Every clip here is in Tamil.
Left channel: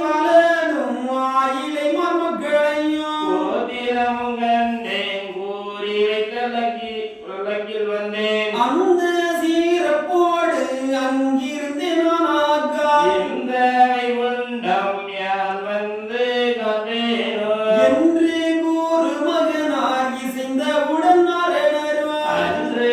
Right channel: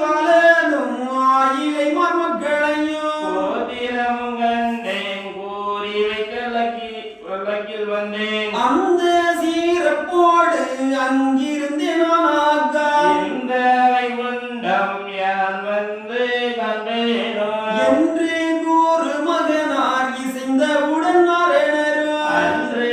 வளரும் ஆயிலை மர்மக்களையும் கோதிரம் கண்டேன் கூறி வைக்கலக்கில் வந்தேன் அந்த சீரப்போடு அங்கிருந்து நானாக்கா இந்த வைகுண்டம் யான் வந்து கண்டேனோ என்று கூறு மகனார் இசைந்தவுடன் மரணரோ அன்று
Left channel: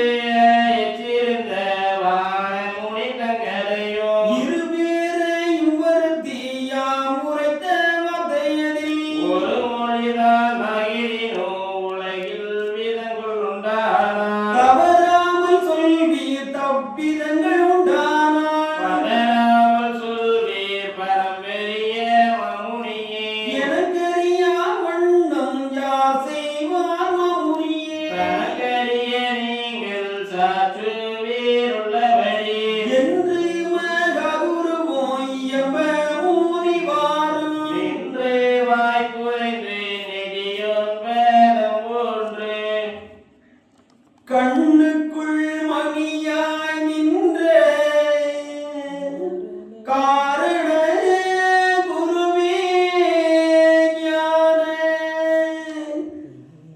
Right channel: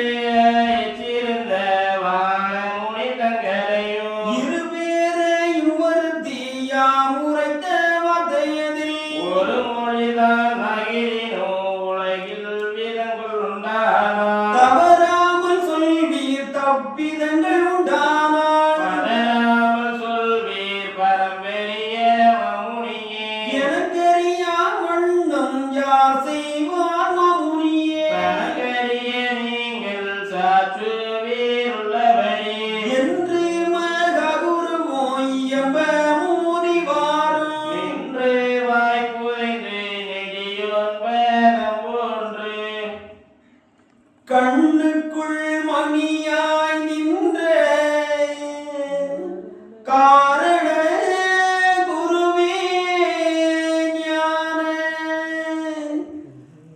எச்சிருந்த வானமுனி தங்கரையும் இருவேரையும் வருத்தியா முறைத்த வார்த்தையதில் ஒரு மொழிதான் அகிலினோ உலகில் விதங்கள் உண்டானா தவறாமல் சொல்வீர் தப்பிதங்கள் உண்டானால் பதறாமல் சொல்வீர் பரம்பெரிய மமுனியே எனக்கறியா வண்ணம் யார் செய்வார் மமுனியே தனக்கரிய நீங்கள் சாற்றுவீர் உள்ளவரே என்று மககுருவோ இயம்ப முனிவாரும் நின்று வாய்ப்புரைந்து நெடியோன் பேதம் போன்று கண்ணுக்குள் மணியாய் நின்ற காரண குருவே ஞான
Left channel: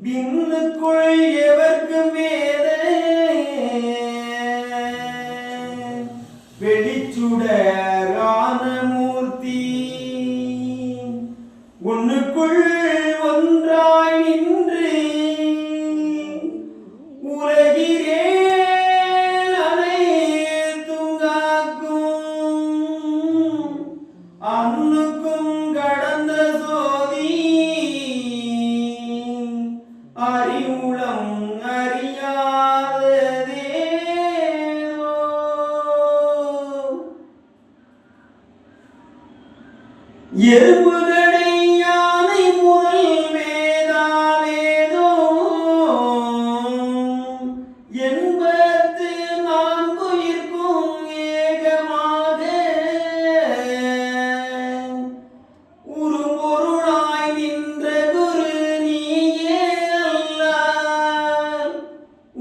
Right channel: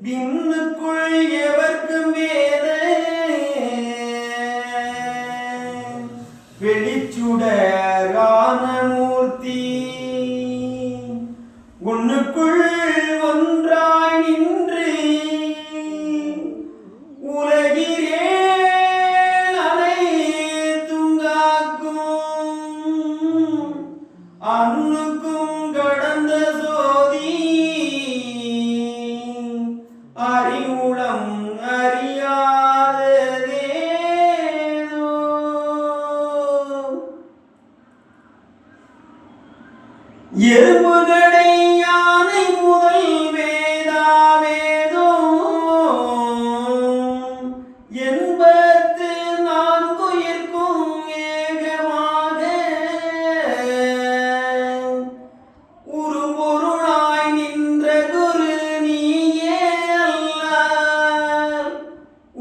விண்ணுக்குள் எவர்க்கும் வேத வெளிச்சுடரான மூர்த்தி உன்னுக்குள் ஒன்றாய் நின்று உலகிலே அனைத்தும் காக்கும் அன்னுக்கும் கடந்த சோதி அறிவுளம் அறியாததேனோ எறும்புகளை யானை முதல் வேதாவேதோ எண்பத்து நான்குயிர்க்கும் ஏகமாக உருபொருளாய் நின்ற குரு நீயே அல்லால்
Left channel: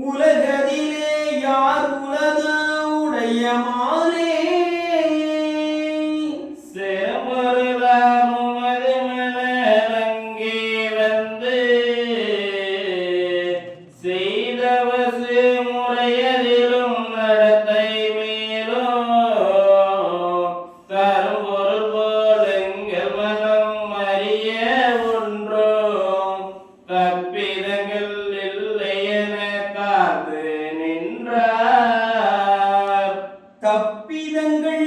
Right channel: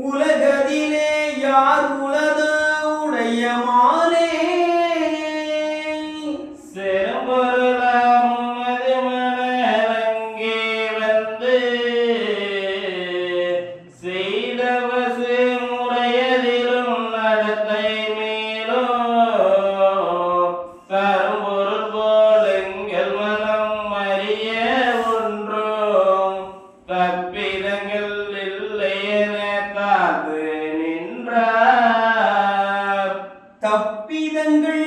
உலகதிலே யார் உலது உடைய மாலே செரும்பொருளாம் அது மலரங்கே வந்து செய்தவசு முறையதிலும் நடத்தை மேலும் தரும்பொருள் போல் எங்கள் மனம் அறிய ஒன்றும் தப்பிதங்கள் இல்லை என காத்து நின்றார் தப்பிதங்கள்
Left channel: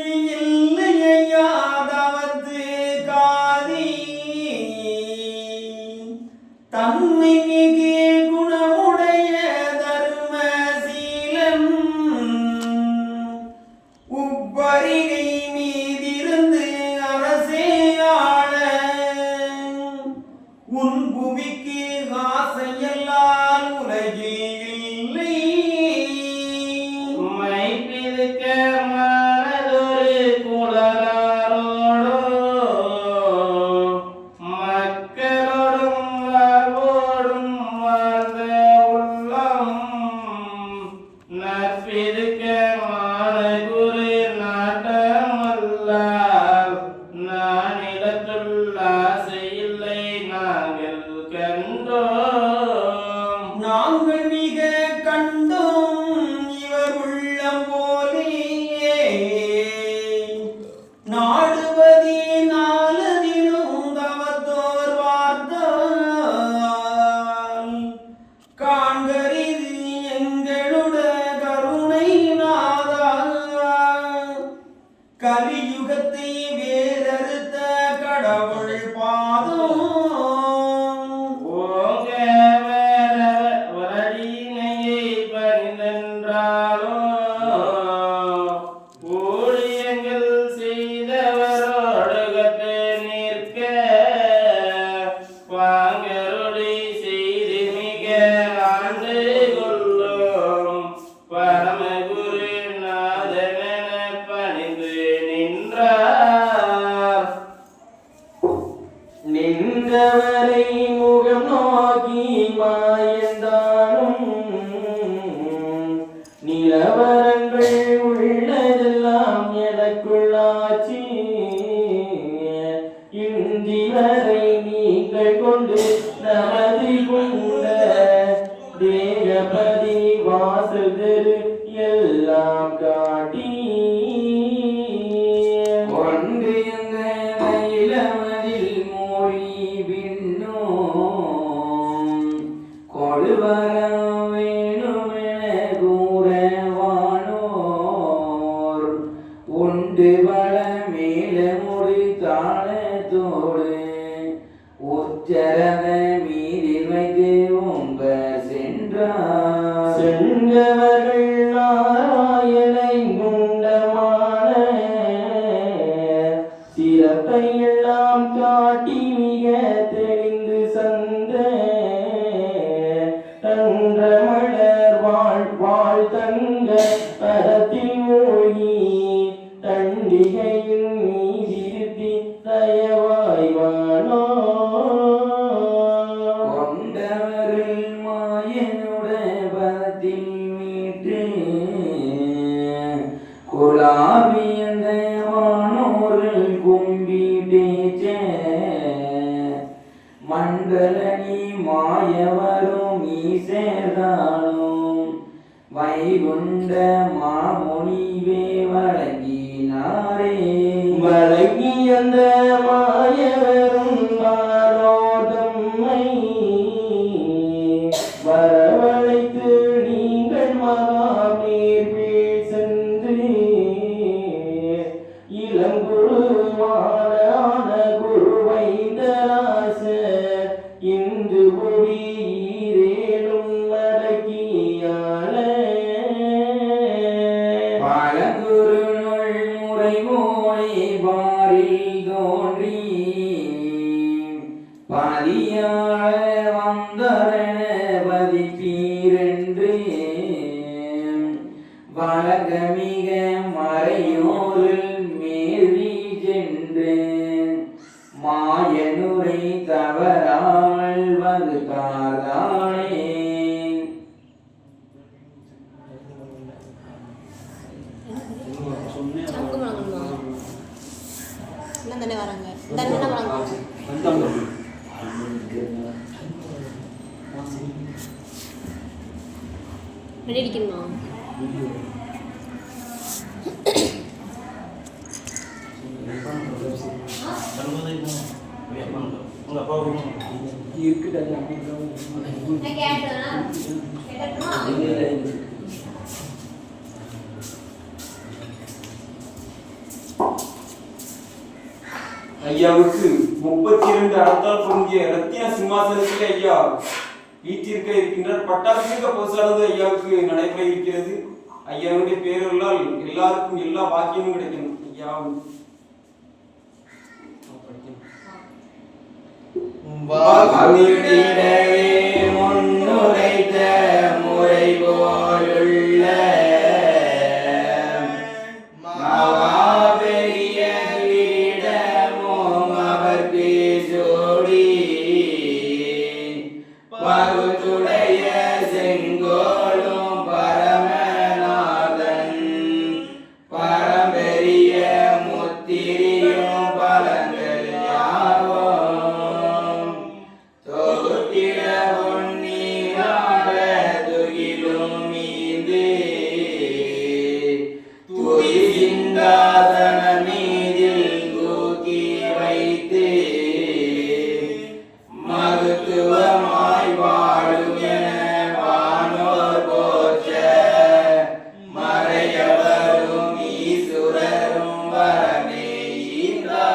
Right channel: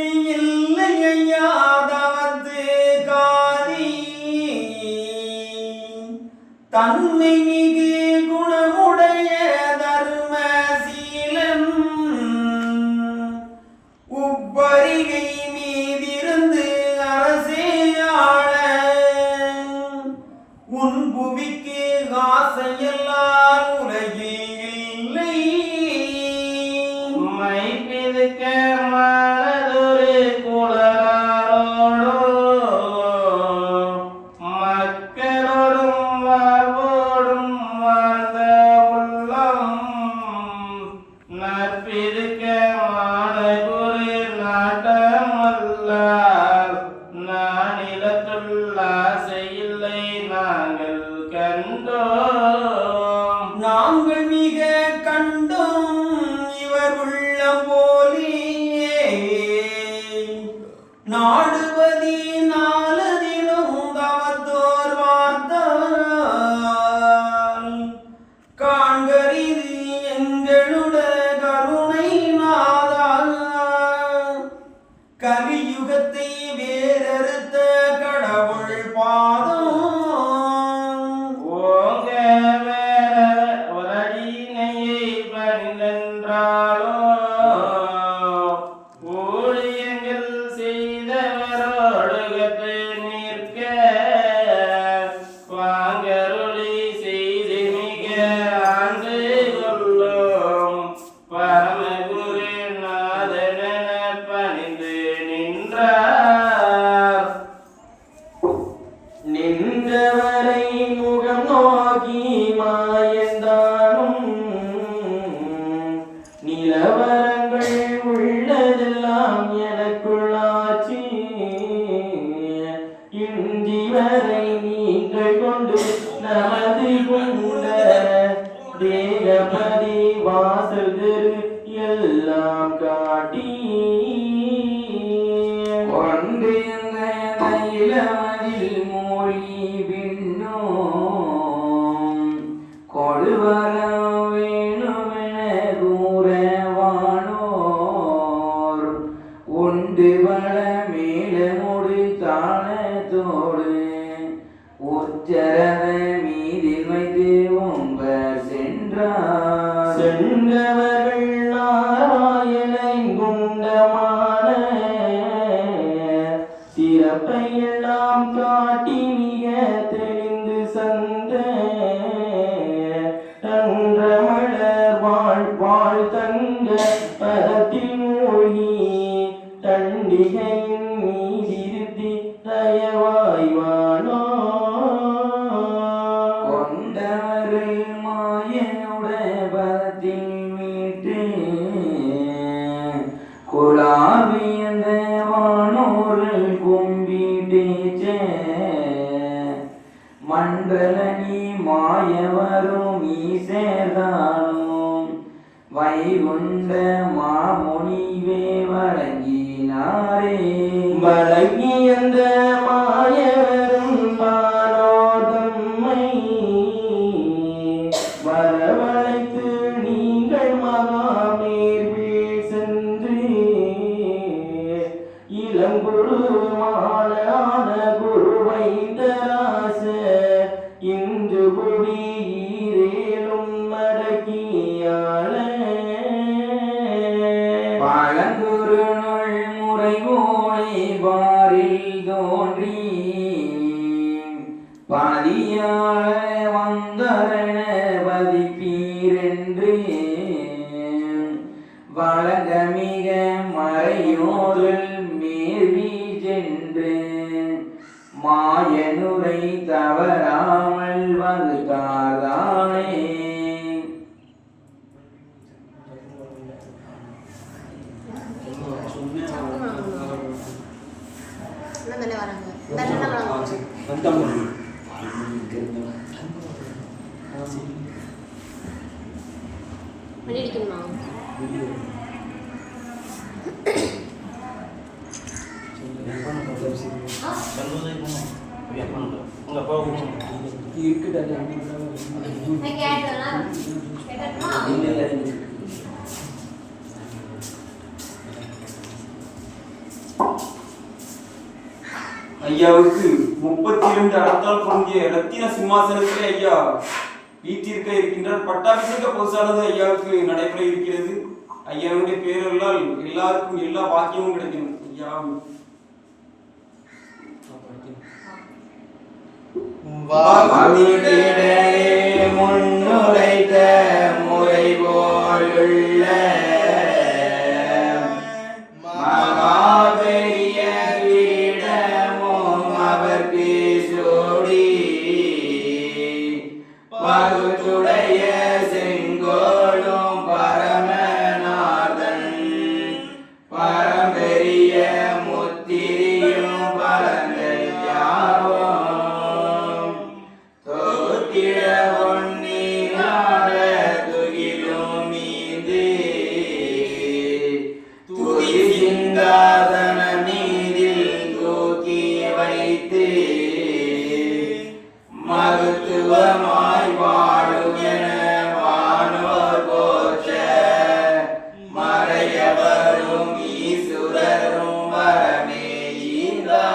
இல்லையாதாவது காதி தன்மை மிகு குணமுடைய தர்மசீலன் உப்பரிகை மீதிருந்து அரசே ஆள உன் புவிக்கு ஆசையெல்லாம் உலகில் இல்லை மைப்பிதுக்க மானதொரு குலராரோடும் மக்களோடும் வாழ்வோடும் வாழ்ந்த உள்ளம் நற்பிதுக்க மானகுரு நாட்டமல்லால் நானிலத்துள் ஆசையில்லை நாங்கள் கண்டோம் நாங்கள் மிக கண்டோம் இவர் உள்ளம் போலியே நாடுவதி நாளதிலும் தவத்தோர் பார்த்தால் காண்கரிது எங்களுட கருணை நாதா கலியுகத்தை வேறறுத்த கொண்டமதில் மொழி விண்ணோம் கொள்வரம் வேணுமென கூறவானோர் உண்டு வள மேல முடி தாளத்தோடு உச்சரத மீதில் வைத்து உம்ப சென்றவர்கள் நாராயணை குண்டமான சிறப்பை எல்லாம் காட்டி மிக தெளிந்து சந்த தன்ற மலர் வாழ் தங்க பதத்தில் மூழ்கி தண்டிகையின் மீதிருத்தி தயவாய்வானோ கொண்டவர்கள் மாயனுடைய பதத்தில் மீட்டு குலாவியந்த வானோர்கள் கும்பிடேச்ச மண்டலனி மாயவரும் ஈசேதானும் வைகுண்ட மாமுனிவே வழங்கினாரே வழங்கி அந்த மாயவரும் மானோதம்மை வரவழைத்து நீங்கள் மகாநீர்வில் சென்று இளங்குருவான குருவைந்தராச இன்று குடியேறும் மடக்கியாள பழங்குரு முறை மோய் பாரில் தோன்றி பதியாள வந்தரண பதிப்பீரென்று வழங்கமிக மறையோரில் மேறி சென்று மாயனுரை தவறாமல் வகுத்தாதானே பண்ணிருக்கீங்களா ஐயாவுக்கு 32 அடத்தால் பொங்கிய ரத்தின சிம்மாசனத்தில் ஐயா வீட்டிற்க இருக்கின்றார். பட்டாபிஷேக பூசானது ஐயாவுக்கு நடைபெற இருக்கிறது. ஐயாவுடைய பேரர்களால் எல்லாருக்கும் எல்லா பாக்கியமும் கிடைக்கும். ஐயா முன்னுரைத்த முறை போலுள்ள மகாபெரிய பீடமும் அவர் பேசோடி பகுத்துடைய செங்கோலும் பரமநாதன் பரம்பெரிய முத்திரியும் பலங்கள் யாவும் தொகுத்திட உன்னீராட துகிலும் மீது துதி சிங்காதன மீதில் தூக்கி வைத்து மருத்துவமாய் வாழுமென வானோர் போற்ற மறையவரும் ஈசுரரும் வரமே ஈந்தார்.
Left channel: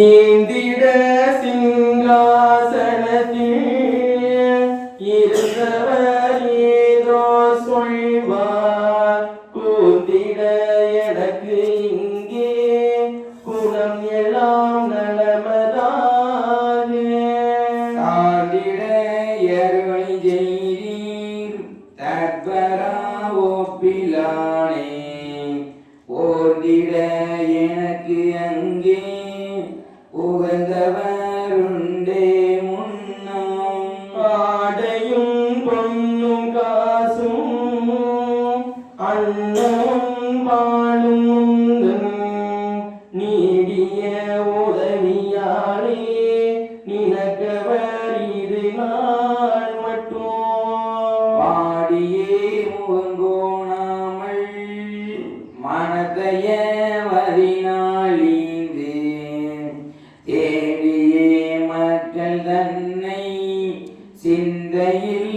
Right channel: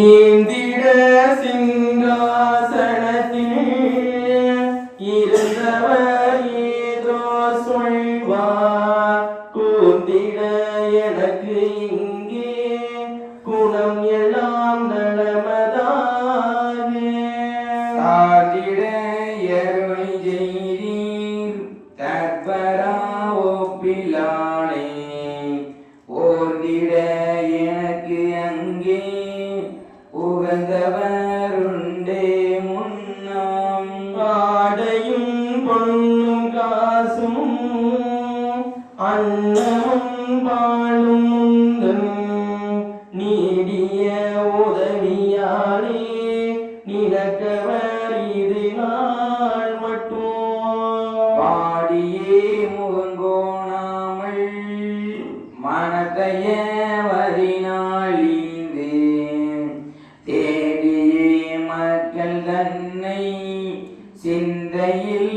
ஈந்திட சிங்காசனத்தில் இருந்தவர் மதியே முகங்கோணாமல் மனத்தைய வதினாளிந்து தேடியே மக்கள் தன்னை சிந்தையில்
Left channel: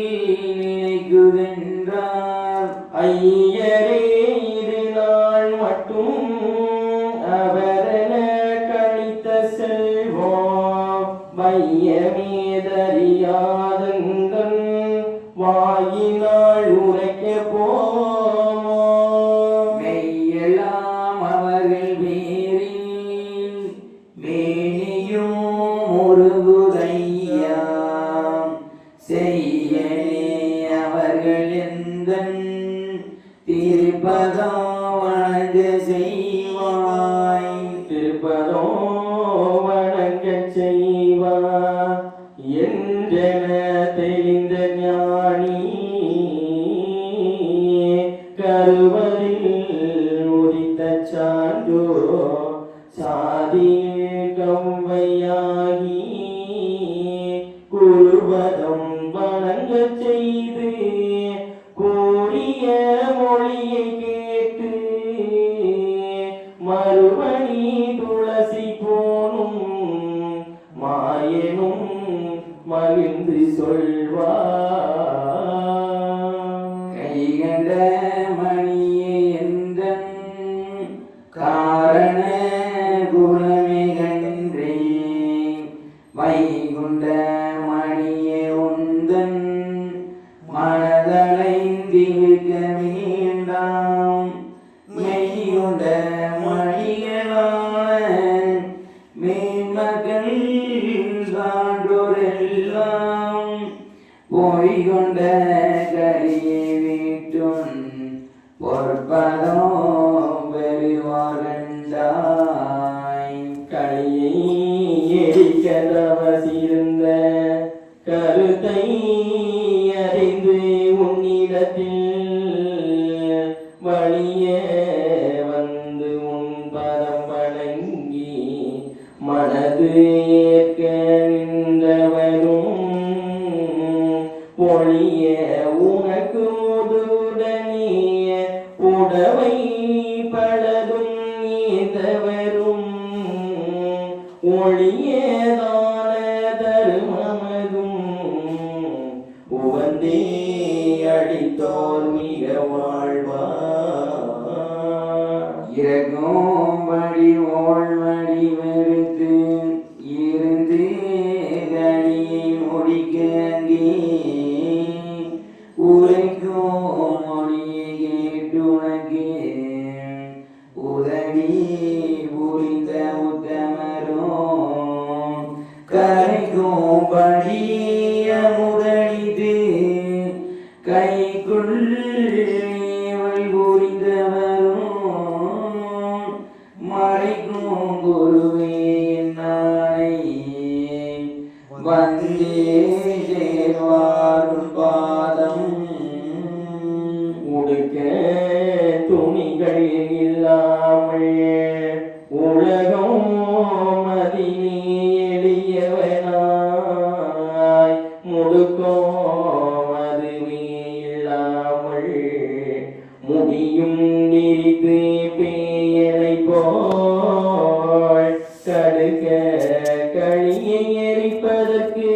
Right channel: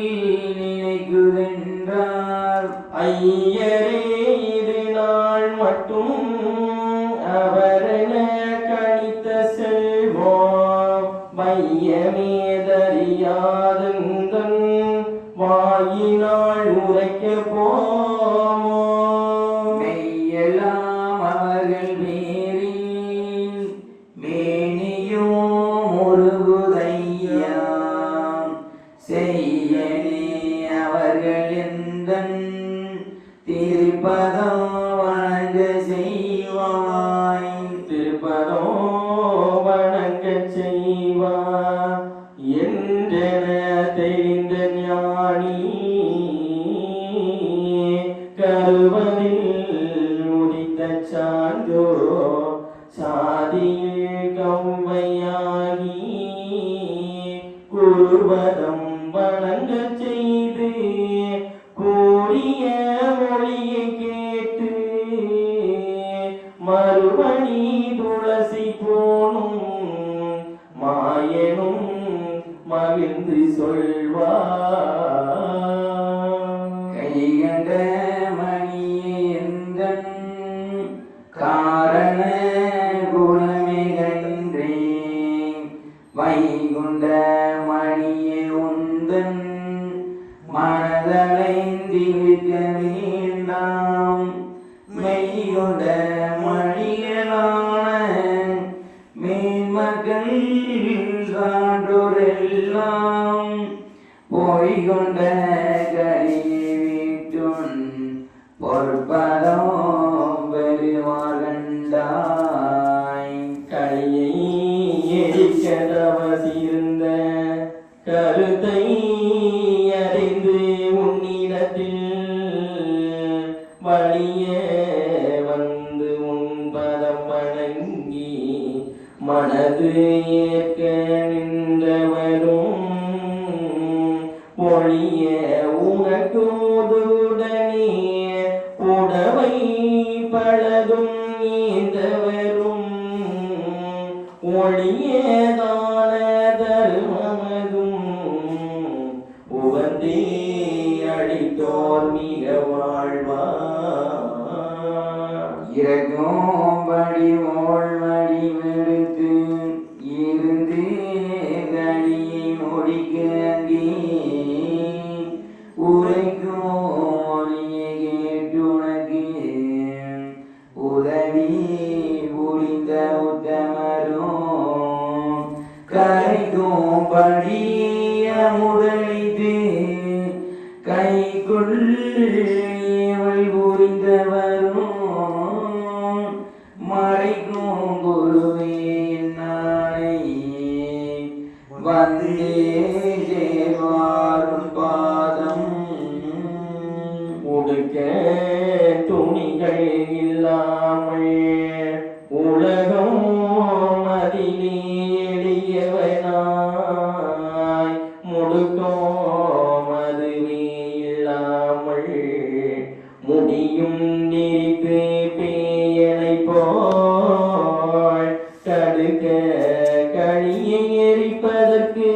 நினைக்குதென்றார். ஐயரே இது நாள் மட்டும் அவரென கணித்த செல்வோம் மையமேதறியாதந்தன் வாயினாள் உரைக்க போமோ. மெய்யெல்லாம் அவர்கள் பேரில் மேனியும் முருகுதையா செய்யனே அவர்கள் எந்தன் திருப்பதம் வணங்க செய்வாய். திருப்பதோ வணங்க செய்வா என்றென தெரிந்த ஞானி கருவதில் உதித்த சான்றோ சாதியில் கவ்வையாகி குருபதம் வணங்க செய்து கூறிய மொழியை கேட்டு மறுபடி துளசி போனும் மாயனும் மகிழ்ந்து சொல்வார். கைகண்ட மணியே எந்தன் காரண குணமே கன்றேன். வைகுண்ட மணியே உந்தன் மனதளைந்திருக்க வேண்டாம். மெய்கொண்ட மணிகளான மேன்மக்கள் சான்றோரெல்லாம் போய்கொண்ட கரியை வீட்டுன் பொற்பதம் பெருமாள் கண்டாய். கலையை எரிக்க தவசிருந்த கருத்தை அறிந்து உன்னிடத்தில் வழிய வந்து உன் பதம் வணங்கி மனது ஏற்க நின்றவரும் பொழிய உனக்கு உதுடனே உடவை பலதும் நீந்தவரும் ஒளியதான தருமமதும் உவந்தே அடித்தோர் மிக வாழ்வார். இறங்கும்படி ஓழ்வடி வெறுத்து இருந்து கடியை முடிக்கி உரைக்கும் மொழியை கேட்டு உனக்கு உதவி புரிந்த உத்தமரும் கரைக்கும் படிய முதலித்து கைக்குள் புரிந்தவரும் மறைக்கும் குருவே நாளை வந்தே சேர்வாரும் பாதம். உடுக்க துணிகள் இல்லாமல் உலகம் மதிலே எளியவனாய் முடுக்கும் அதுவே இல்லாமல் முடியும் நிறித்து பேயலை போல் தடுக்க களியை எரிப்பதற்கு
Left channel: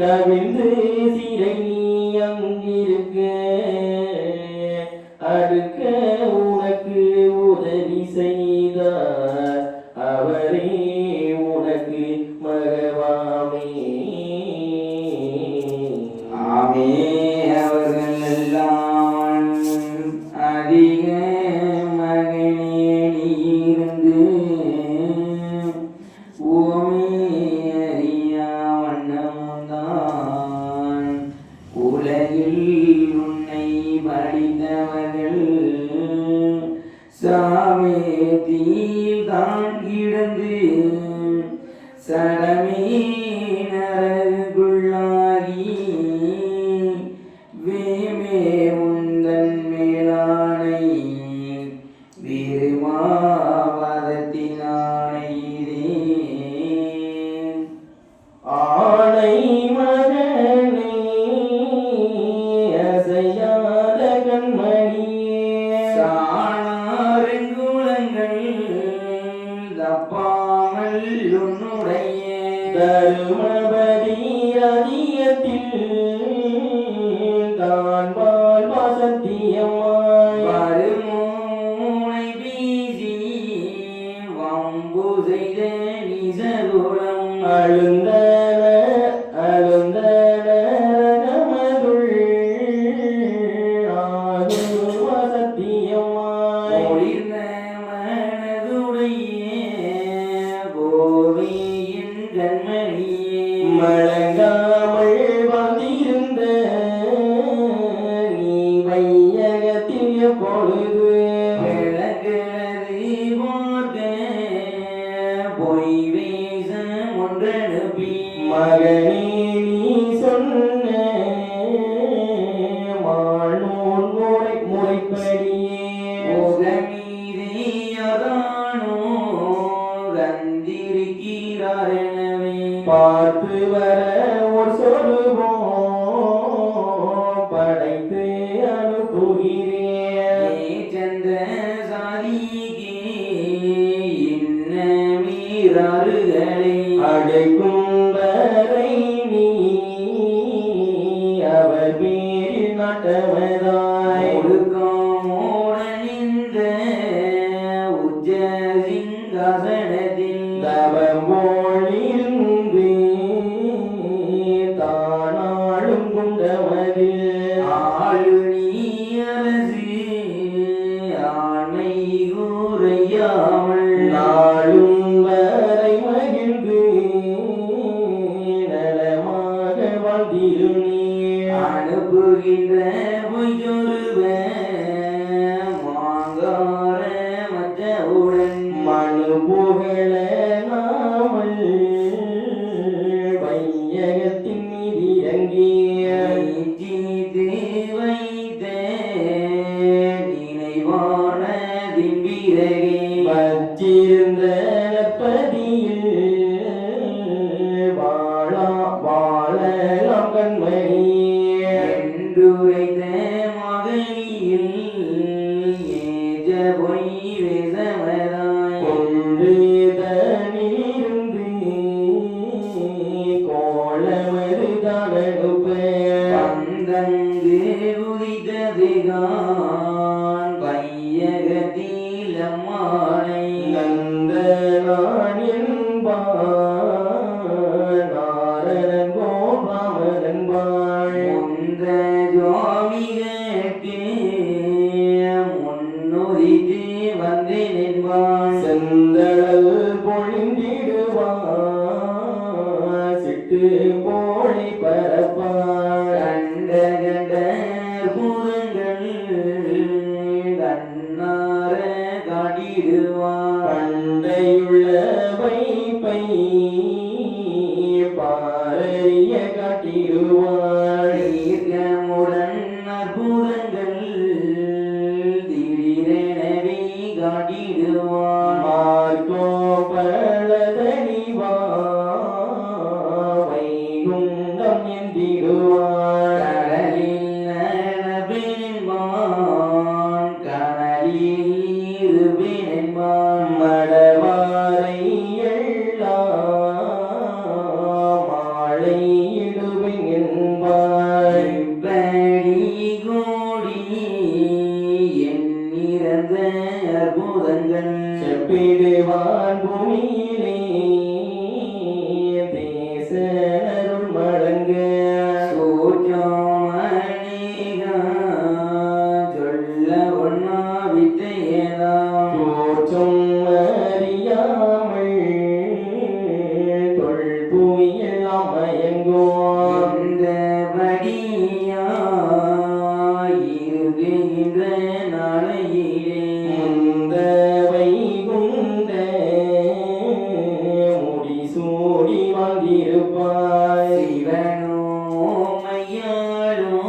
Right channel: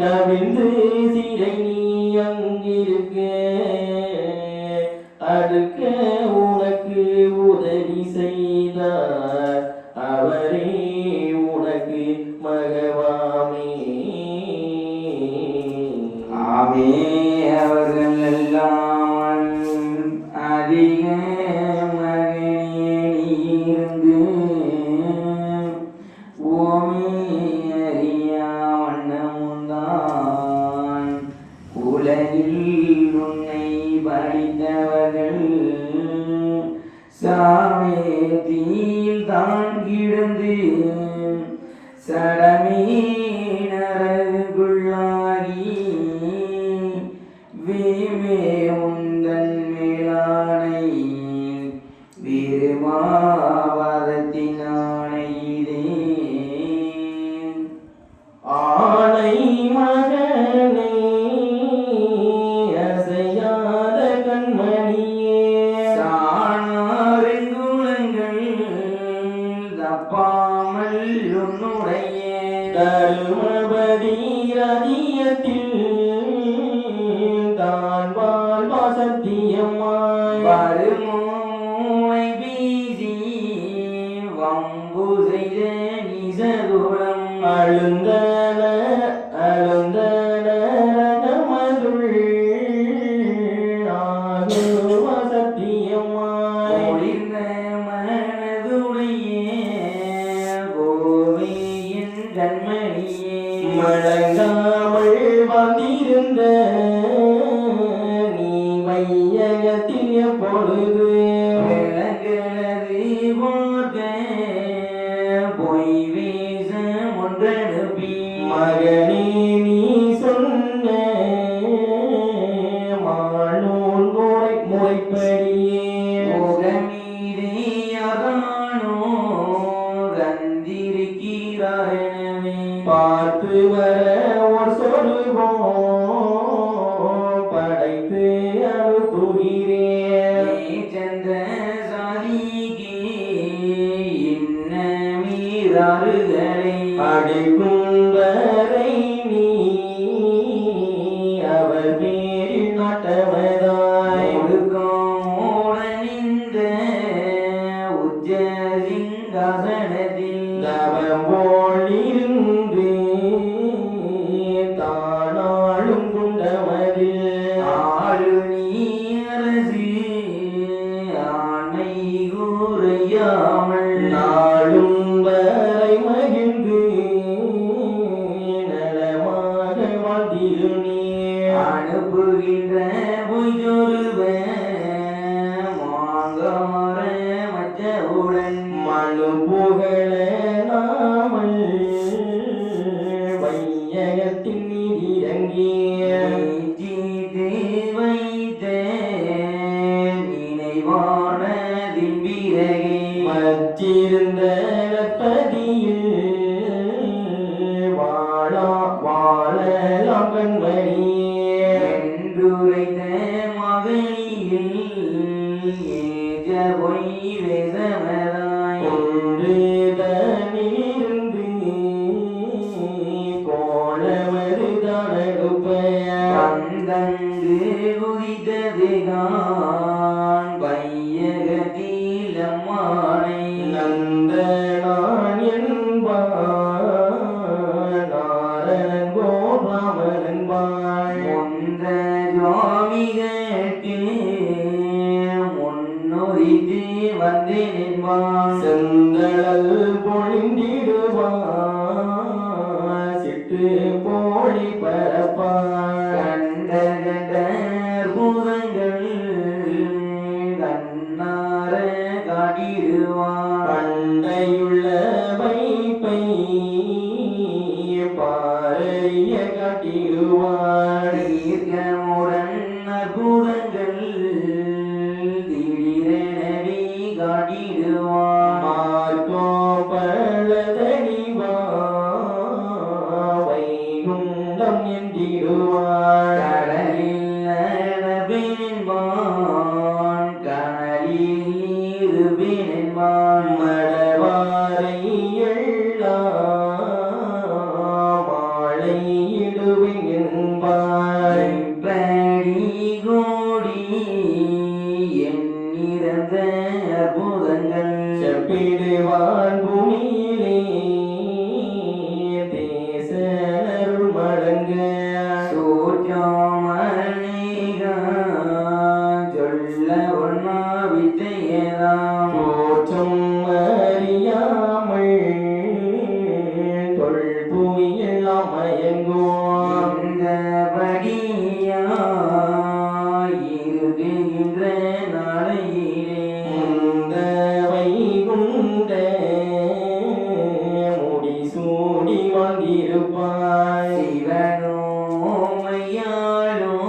கவிழ்ந்து சிறை நீ அங்கிருக்க அடுக்க உனக்கு உதவி செய்தார் அவரே உனக்கு மகவாமே. ஆமே அவர்கள் எல்லாம் அதிக மகனேடியிருந்து ஓமே அறியா வண்ணமுந்தான் உலகில் உன்னை படித்தவர்கள் நான் வாழ்வா சத்தியம்மாய் வருமூனை வீசி வம்பு செய்த நிசகுலம் அழுந்தன அழுந்தன நமதுள் ஆகுவா சத்தியம்மாய் ஒளிர்ந்த மனதுடைய கோவையின் கண்மணியே மழங்காமல் வந்திருந்த நீ வையகத்தில் எப்பொழுது விளக்கிறது பார்க்க பொய் வேஷம் ஒன்றனுப்பி மகனே நீ சொன்ன மானூல் முறைப்படியே முகமீதையானோ தந்திருக்கிறாரெனவே பார்த்து வர ஒரு சொல்லுவோம் படைத்து அனுப்புகிறேன் சந்த சாதிக்கு இன்ன மீறாறுகளை அடைக்கும் வரை நீ அவர் பேரில் நாட்டமதாய் ஒடுக்கமோடனிந்த உச்ச சிங்காசனத்தில் தவம் போலிருந்து தானாளும் குண்டமதில் ஆளு நீ அரசு ஆணை கூறையாமல் நாளும் வரை மகிழ்ந்து நலமாக வாழ்ந்திரு நீ அனுப்புகின்ற பொய்தொருவ மாங்கார மற்றவுடன் மனு புகழ நாமல் வையகத்தின் நிதியங்கிய நீச்சித்து வைத்த நினைவானதின் பிறகே வச்சிருந்த பதியில் வாழலாம் கண்மணியே என்றுரைத்த மகனியில் ஏஜ பொய் வேசமதாய் கொண்டு தனிலிருந்து கோலமது தனடுப்பைய தந்தங்கு உதித்ததுகான் பையகத்தில் அம்மானை நந்தனான் என்பான் நாரணன் கோராமன் என்பாள் முந்த சுவாமிகளுக்கு முன்னுரித்து வந்து நின்பான் செந்தழல் பொழிந்திடுவான் சிட்டு போழி பரப்பாள் கண்ட கண்ட பூரங்கள் கண்ணார காட்டிடுவான் பண்டையுள்ள வைப்பை பாரிய காட்டிடுவாள் தீர்க்கமுடன் அற்புதங்கள் திடீரெனவே காட்டிடுவான் மார்க்கோ பழதடிவா வைகுண்டம் எந்திடுவாள் கடலில் நடப்பென்பான் கமலில் இருப்பென்பான் மடவாரை எல்லாம் மாலை இடுவேன் என்பாள் இப்படி கூடி எண்ணிறந்த அற்புதங்கள் செப்பிடுவான் பூமியிலே தேசனருள் மடங்க சோற்றமணிகா சொல்ல ஒன்னா வித்தையதாம் தோற்றம் அறியாமல் தொல்பூமி எல்லாம் மயங்குவோம் இந்த படியாயிருக்கின்ற நாளையிலே முந்த வைகுண்ட முடிசூடி வந்திருப்பாய் சிவனோ மையாளோ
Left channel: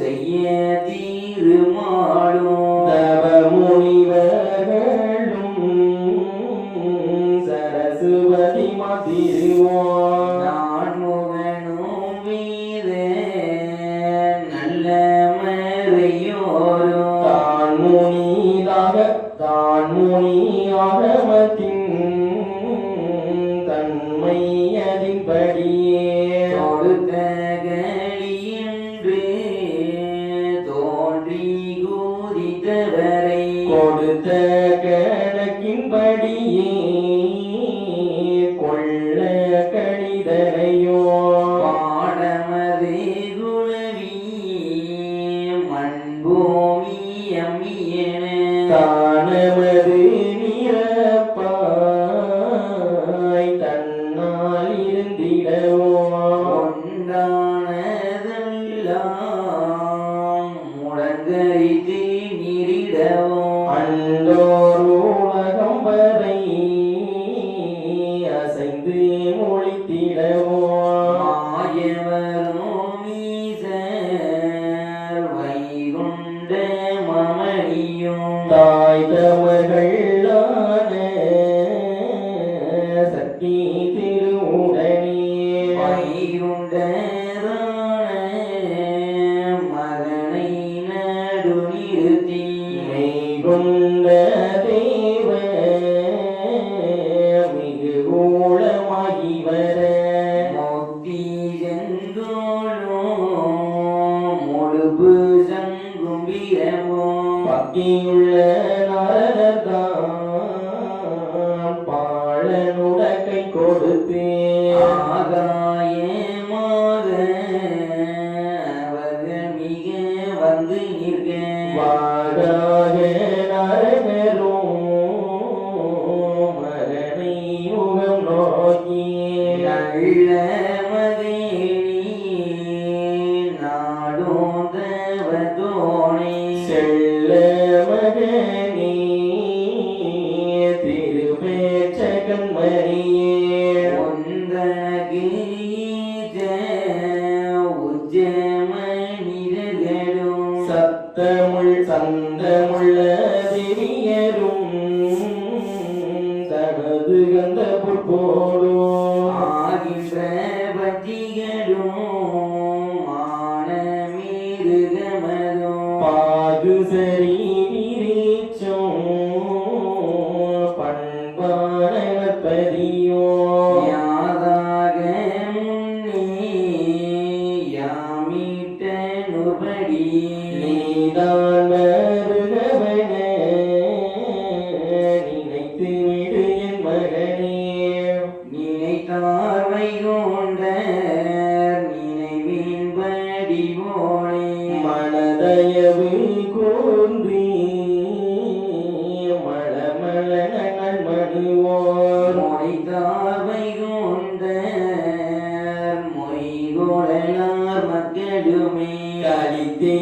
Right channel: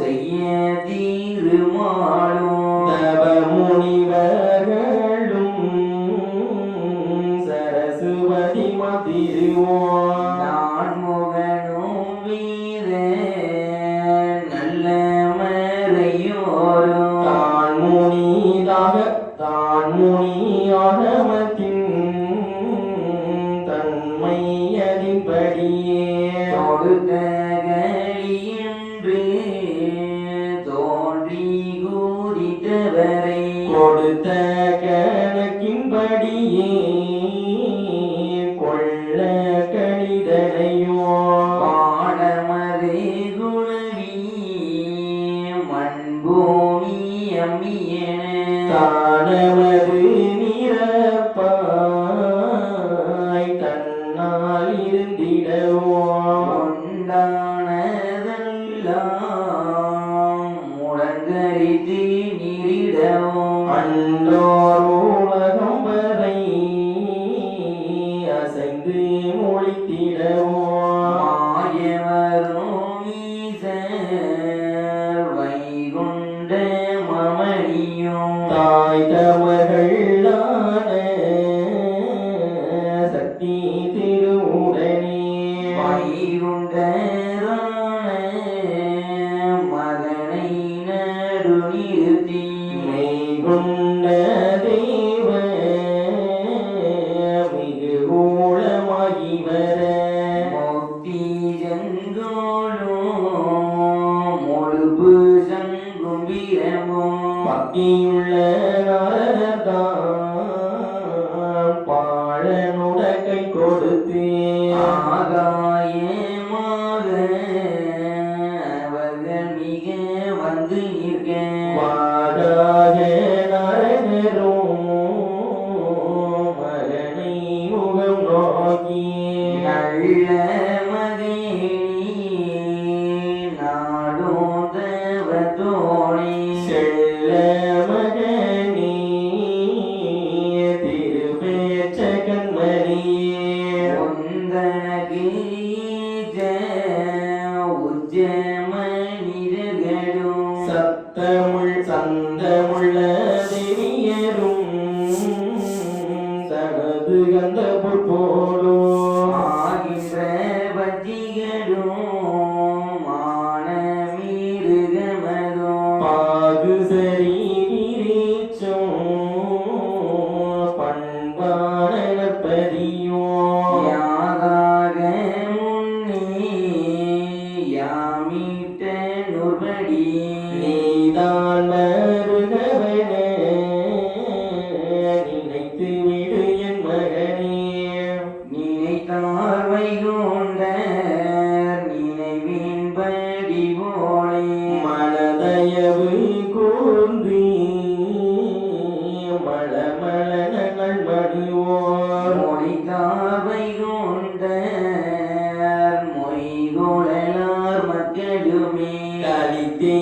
செய்ய தீருமாளோ தவ முனிவர்களும் சரஸ்வதி மாதிருவோம் நான் முகனோ வீர நல்ல மறையோரோ தான் முனியாகமத்தின் தன்மையதின்படியே தொடுத்த கலியன்று கொடுத்த கணக்கின்படியே கொள்ள கணிதனையோ பாடமது குணவி மண்பூமி அம்மியன தானமது நிரப்பாய் தன்னால் இருந்திடவோ கொண்டானதெல்லாம் முழங்கரித்து நீரிடவோ அன்றோர் உலகம் வரை அசைந்து மொழித்திடவோ மாயவரும் ஈசர் வைகுண்ட மமணியும் தாய் தமர்களான சக்தி திருவுடனே வைகுண்டரான மகனை நடுநிறுத்தி மெய்கொண்ட தேவ மிகு ஊழமாகி வர முக்தி செந்தோளும் முழுப்பு சங்கும்பிரமும் பக்தியுள்ள நாரதான் பாழனுடக்கை கொடுத்து ஆகாயமாக அவர்கள் மிக வந்து நிற்க வாராக நாரதரும் மகனை முகம் நோக்கி நல்ல மகனே நாடும் தேவதோனே செல்ல மகனே திருப்பேச்சகன்மணியே உந்தகீஜ உஜ்ஜமனிரர்களும் சத்தமுள் சந்தமுள்ள திரியரும் தனது கந்த பொற்போலோ ஆகின்ற பஜ்ஜிகளும் மானமிருகமதும் பாகு சரி விரிச்சும் பண்பானப்பதியோ யாதாக முன்னே யாமிட்ட நுபடி நீதான் வருகவன நினைத்து விடு என் மகனே நினைத்தார் வைகுண்ட நினைவின்படி போனே மனதயவு கூர்ந்து மளமள நங்கள் மணிவோர் மொழித்தார் வைகுண்ட மொய்குழலார் மக்களுமே கலித்தே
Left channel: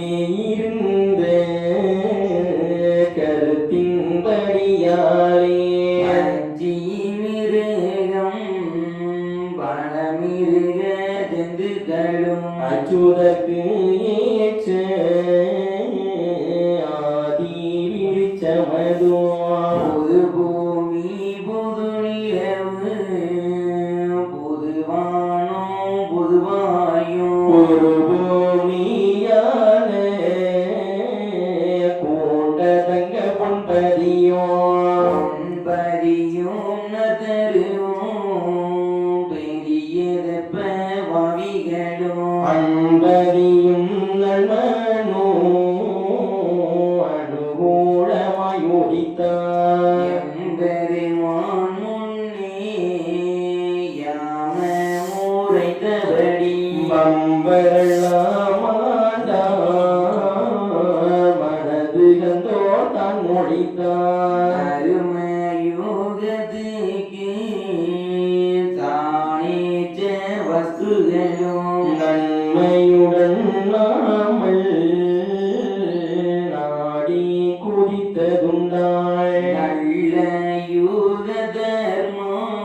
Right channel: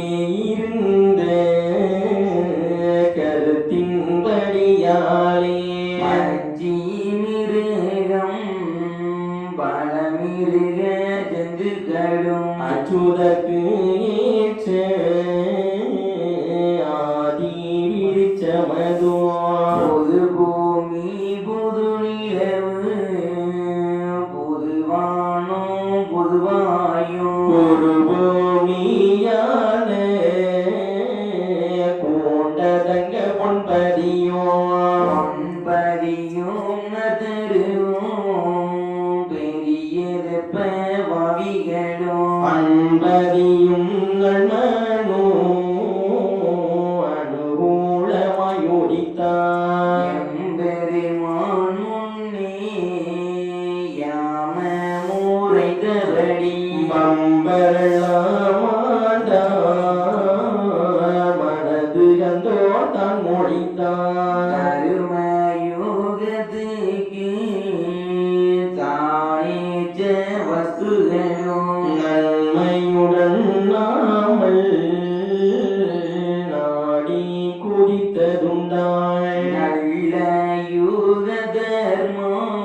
இருந்த கருத்தின்படியாலே பஞ்சி மிருகம் பழமிருக ஜந்துக்களும் அச்சுதற்கு ஏற்ற ஆதி விருச்சமதோ புது பூமி புது நிலவு புதுவானும் புதுவாயும் ஒரு பூமியான கூண்ட தங்க பொன்பதியோ பொன்பதியும் நதருவும் பெரியதப்ப வாவிகளும் அன்பதியும் நண்பனோ அனுகூலமாயுடித்தார் எம்பெருமான் முன்னே யாம முறைத்தபடி பம்பரளாமாண்டார் மனது கந்தோ தான் மொழித்தார் அருமயுகத்துக்கு தானேச்ச வஸ்துகளும் நன்மையுடன் நாமல் நாடி குதித்ததுண்டாய் நல்ல யுக தர்மம்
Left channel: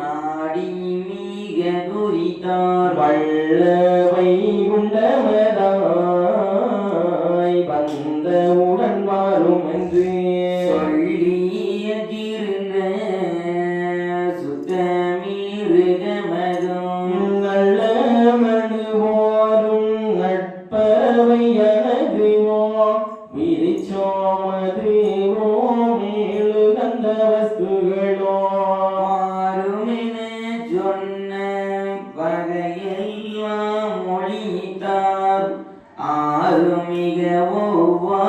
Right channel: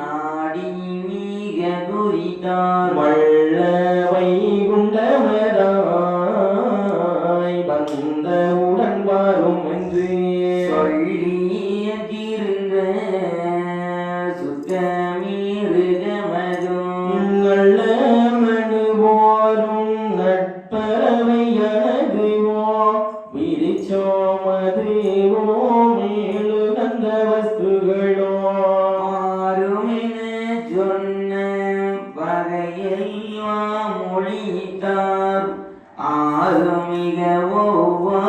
நாடி மிக குறித்தார் வள்ள வைகுண்டவராய் வந்தவுடன் வரும் என்று சொல்லிய திருந்த சுத்தமிருகமதும் நல்ல மனுவோரும் நட்பறவை எனதுவோ விரிச்சோமதுவோ மேலு கந்த வஸ்துகளோ மாறுமென சொன்ன பகையெல்லாம் மொழித்தார் ஆறு மிக ஒவ்வா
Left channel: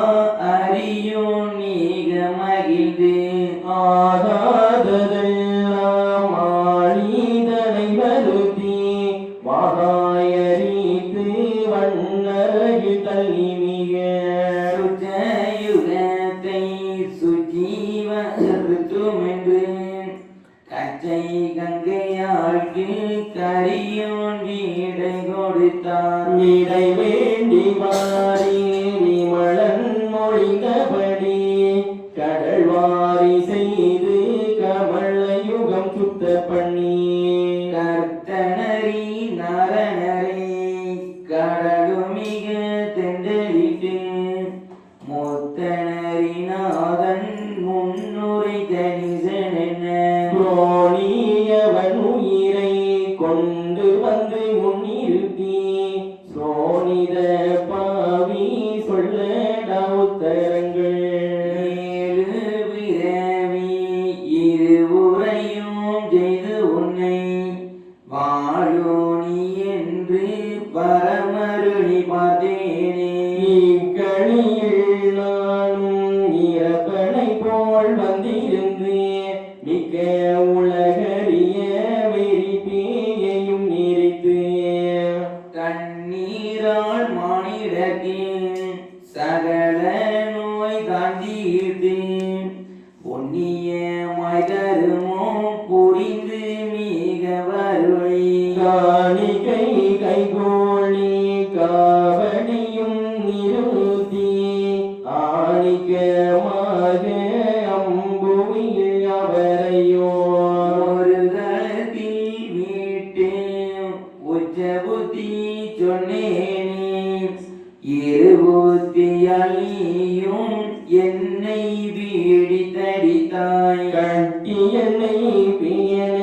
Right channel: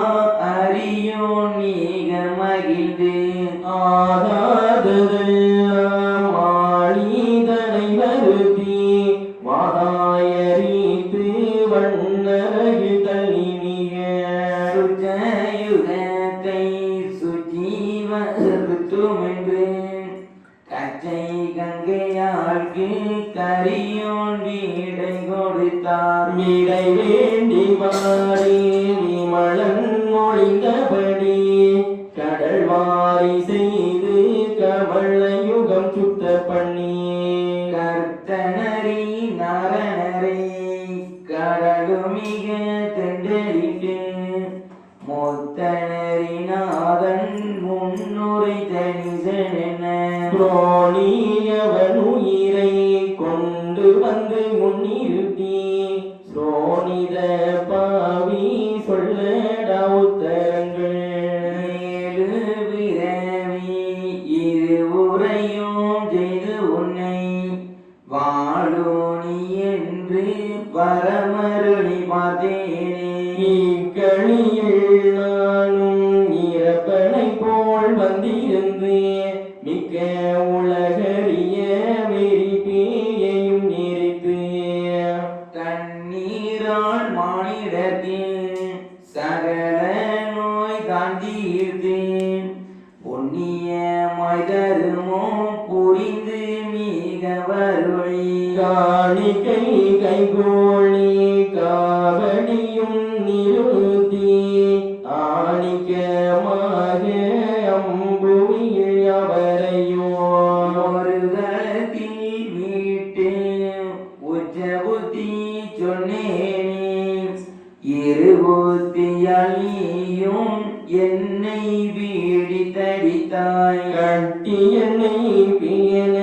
அறியும் நீ பிறகு தள்ளி மிக சுஜயுகத்தை சுஜீவத்துமென்று கச்சை கங்கையாழ்க்கு கரியோன் வீடை கொடுத்தார். இடை வேண்டி மாறி விமலன் மொழிந்தபடி கடல் வாரி செய்து கமல யுகம் சுத்த பண்ணி கர்த்தனரி நரனரை கடலுமிக தெண்டலிட்டு மொத்தனரி நாதன் முன்னுரை தனிசனென துரோணியவன் உயிரை கொண்டு வந்து முன்னிறுத்தி சோனித பாவி சொல்லடா உத்தரங்கள் ஏழு பிறவி இருவுரையும் செய்து உன்னை வாழோனி என்று பரமருளி பார்த்தேனே. இக்கணியில் நானும் இறப்பனை போல் வந்திருந்து மிக்க உலகறிய வெறி பேயையும் நிறைத்து கண்ணீரால் மானிடத்தின் சகல நோய் காஞ்சியிட்டு பொன்னியமாய் தருமோ புரிந்து மிக வருளி காணிக்கை கைகோழி காவடியும் நிறுத்தி ஆணிக்கமாக அம்புவியில் அவரையோ ஒரு கலத்தில் மீட்டு உச்ச புத்தி சொன்னேனே. இரு புத்தியாலியும் என்னை பீடித்தடித்தாய். கட்டி என்னை பியன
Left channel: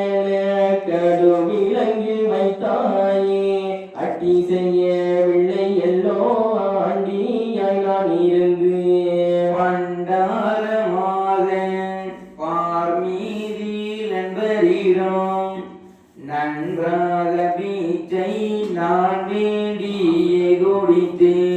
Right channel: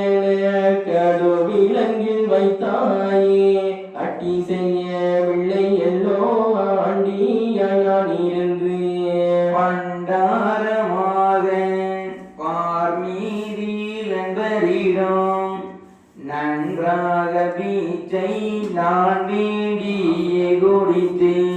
கடுவிலங்கில் வைத்தாயே அட்டி செய்யவில்லை எல்லோ ஆண்டியாய் நான் இருந்து பண்டாரமாக பார்மீதில் நண்பரிடம் நன்றாக பீச்சை நான் வேண்டியே குடித்தேன்.